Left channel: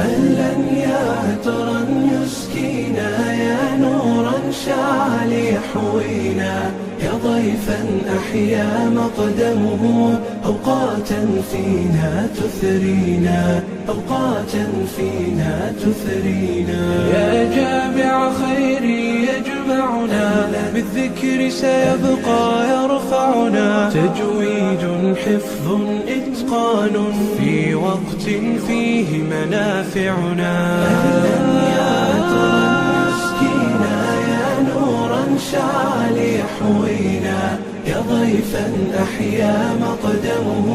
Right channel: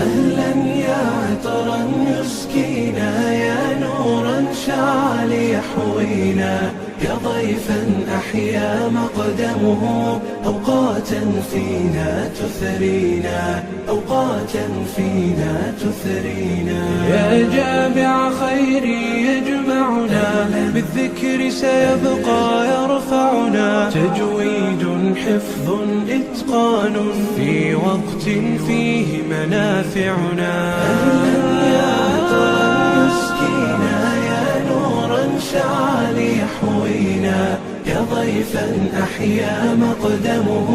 أهلا يا عطرا يسكينا، يا نورا شع ليحوينا، يا ضيفا أحيا مقدمه أوقاتا فينا تثرينا، أوقاتا فينا تثرينا. يا جامع خيري يجمعنا، بالذكر سيبقى يرفعنا، تجويد حفظ إتقان في وقت فيه منافعنا. شع ليحوينا، يا ضيفا أحيا مقدمه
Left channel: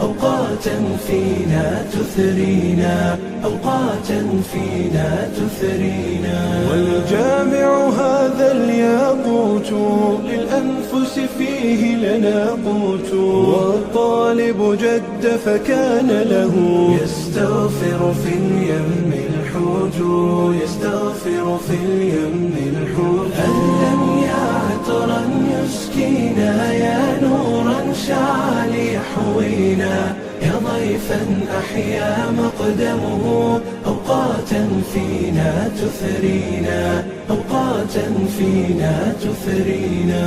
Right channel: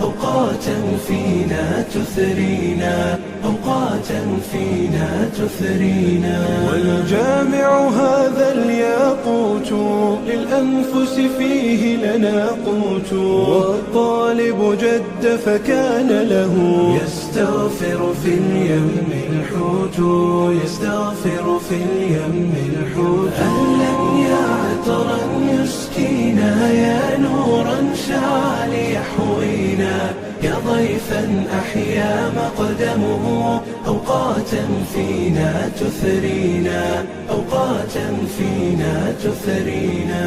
أوقاتا فينا تثرينا، أوقاتا فينا تثرينا. والجامع هذا الياقوت، للأنفس فيه لنا قوت، والطالب جد فكان له يستغفر في اليم الحوت، يستغفر في اليم الحوت. يسكينا، يا نورا شع ليحوينا، يا ضيفا أحيا مقدمه أوقاتا فينا تثرينا، أوقاتا فينا تثرينا.